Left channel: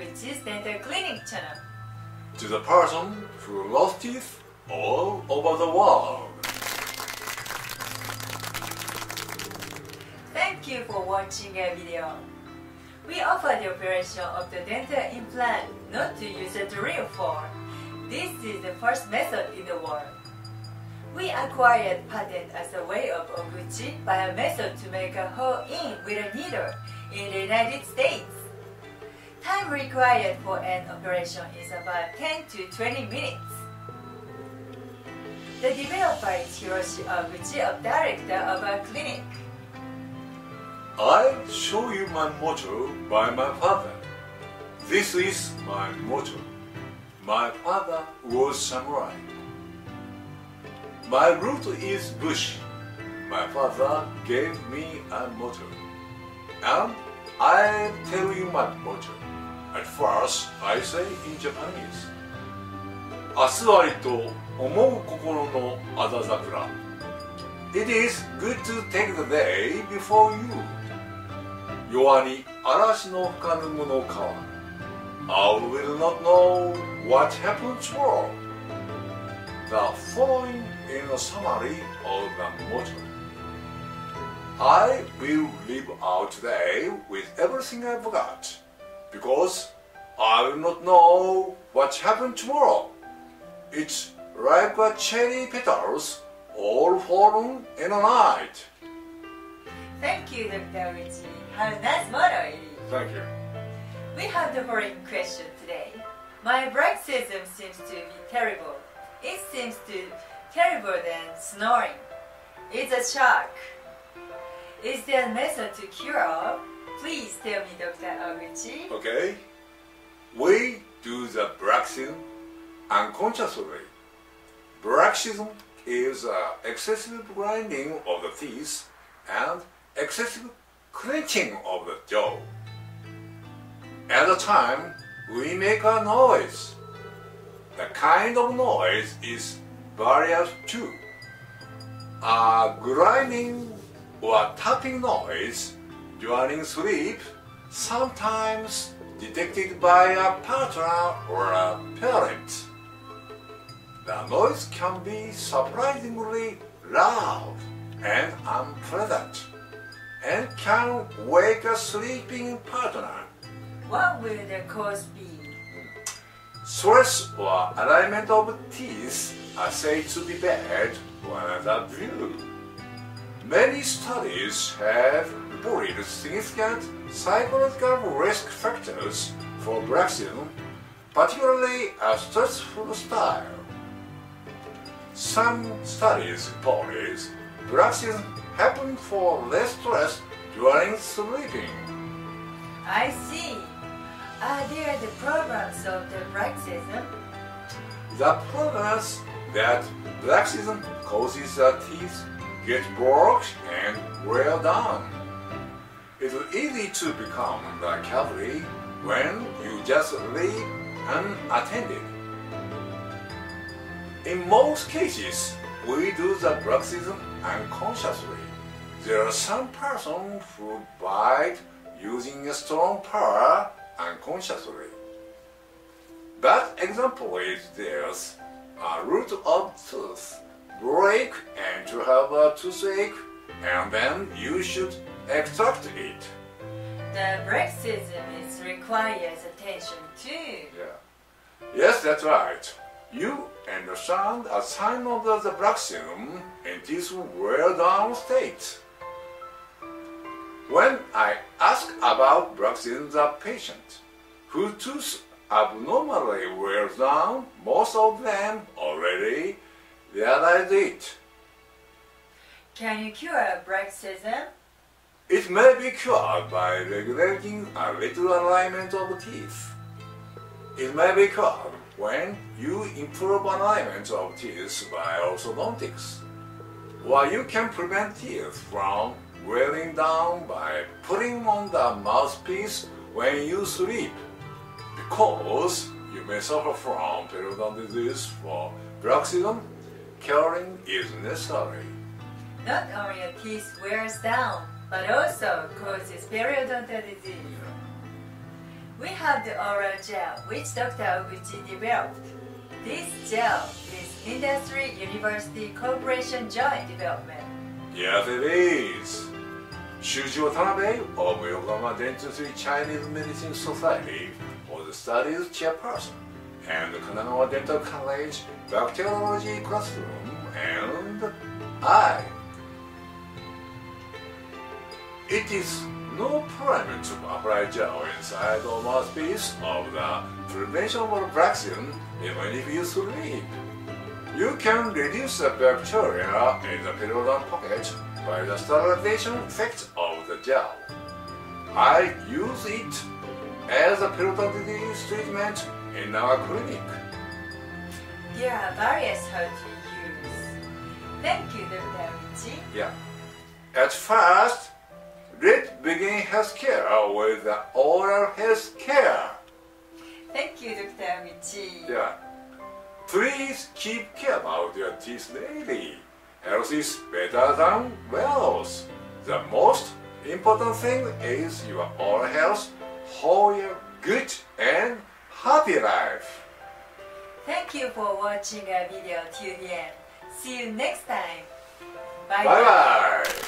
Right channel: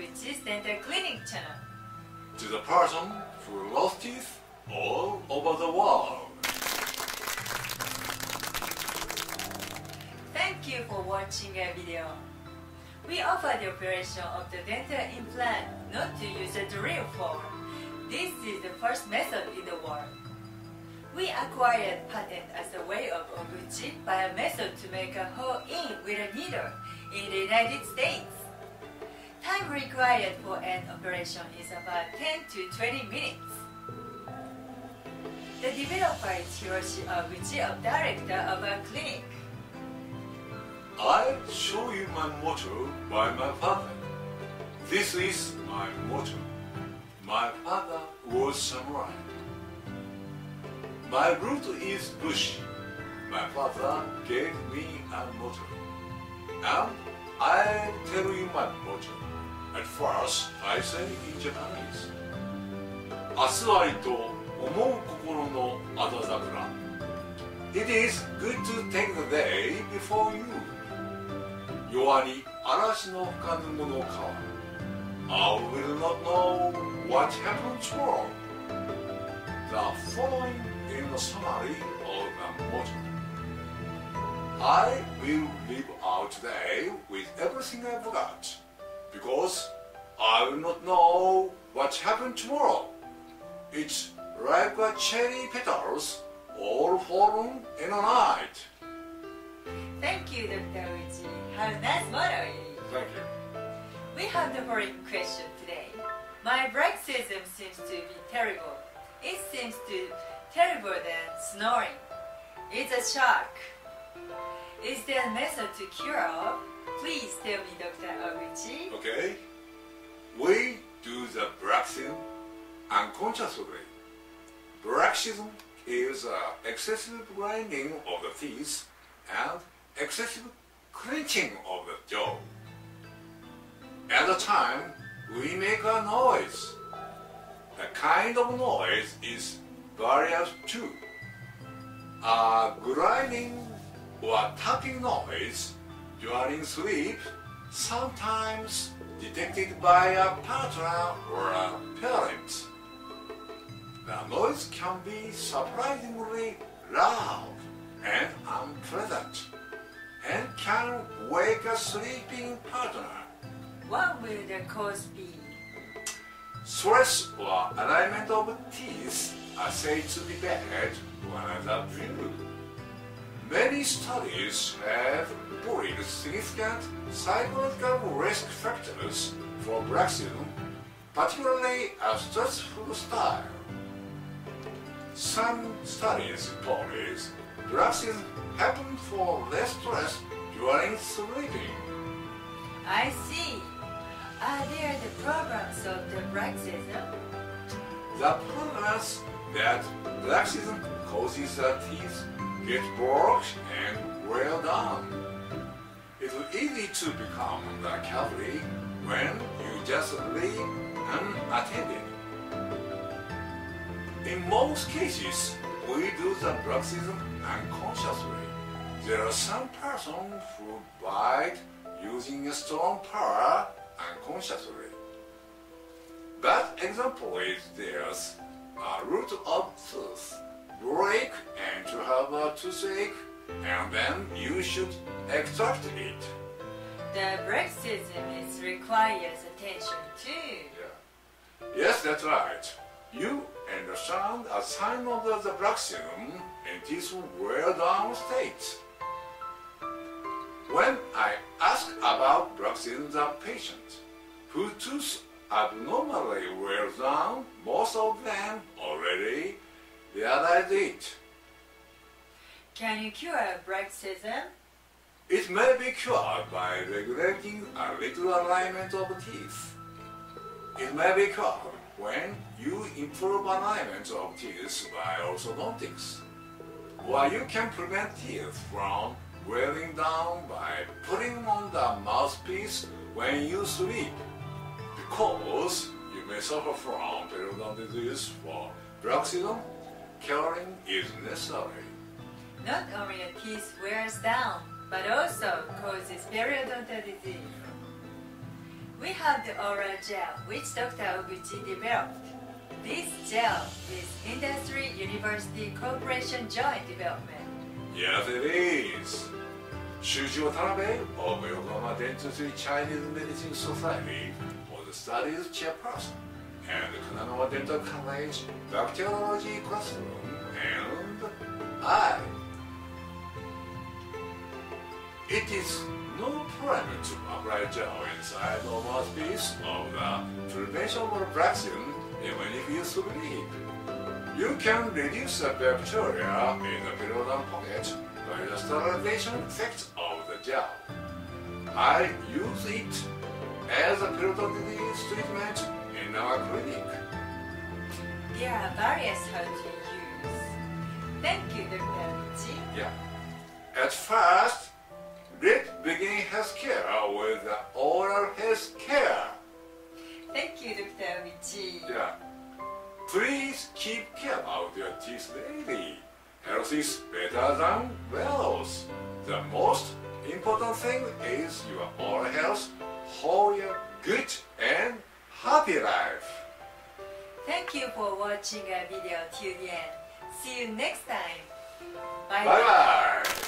Ohguchi's Dental Clinic channel. To the person who lost teeth all over the world. Thank you for watching our video. We offer the operation of the dental implant not to use a drill for. This is the first method in the world. We acquired patent as a way of Ohguchi by a method to make a hole in with a needle in the United States. Time required for an operation is about 10 to 20 minutes. The developer is Hiroshi Ohguchi, director of our clinic. I'll show you my motto by my father. This is my motto. My father was samurai. My root is bush. My father gave me a motto. And I'll tell you my motto. At first, I say in Japanese. 明日ありと思う心のあだ桜。It is good to take the day before you. 弱に嵐の吹かぬ者か。I will not know what happened tomorrow. The following is a summary of the motto. I will live out today with everything I've got, because I will not know what happened tomorrow. It's like a cherry petals all fallen in a night. Thank you, Dr. Ohguchi. How nice motto it is. Thank you. We have the following question today. My bruxism seems to be terrible. It seems to terrible than snoring. It's a shock. Is there a method to cure? Please tell me, Dr. Ohguchi. Okay. We do the bruxism unconsciously. Bruxism is excessive grinding of the teeth and excessive clenching of the jaw. At the time, we make a noise. The kind of noise is various too. A grinding or tapping noise during sleep, sometimes detected by a partner or a parent. The noise can be surprisingly loud and unpleasant, and can wake a sleeping partner. What will the cause be? Stress or alignment of teeth are said to be bad to another view. Many studies have reported significant psychological risk factors for bruxism, particularly a stressful style. Some studies reported bruxism happened for less stress during sleeping. I see. Are there the programs of the bruxism? The problems that bruxism causes the teeth get broke and wear down. It's easy to become the cavity when you just leave unattended. In most cases, we do the bruxism unconsciously. There are some persons who bite using a strong power unconsciously. But example is there's a root of tooth break and to have a toothache, and then you should extract it. The bruxism requires attention too. Yeah. Yes, that's right. You understand a sign of the bruxism in this wear down state. When I ask about bruxism the patient, whose tooth abnormally wears down, most of them already realize it. Can you cure bruxism? It may be cured by regulating a little alignment of teeth. It may be cured when you improve alignment of teeth by orthodontics. Or you can prevent teeth from wearing down by putting on the mouthpiece when you sleep, because you may suffer from periodontal disease. For bruxism, curing is necessary. Not only your teeth wears down, but also causes periodontal disease. We have the oral gel which Dr. Ohguchi developed. This gel is Industry University Corporation Joint Development. Yes, it is. Shuji Watanabe of Yokohama Dentistry Chinese Medicine Society was the studies chairperson, and Kanagawa Dental College Bacteriology Classroom, and I. It is no problem to apply gel inside the mouthpiece of the prevention of Bruxism even if you sleep. You can reduce the bacteria in the periodontal pocket by the sterilization effect of the gel. I use it as a periodontitis treatment in our clinic. There are various how to use. Thank you, Dr. Ohguchi. Yeah. At first, let's begin healthcare with the oral healthcare. Thank you, Dr. Ohguchi. Yeah. Please keep care about your teeth daily. Health is better than wealth. The most important thing is your oral health for a good and happy life. Thank you for watching our video till the end. See you next time. Bye Bye bye.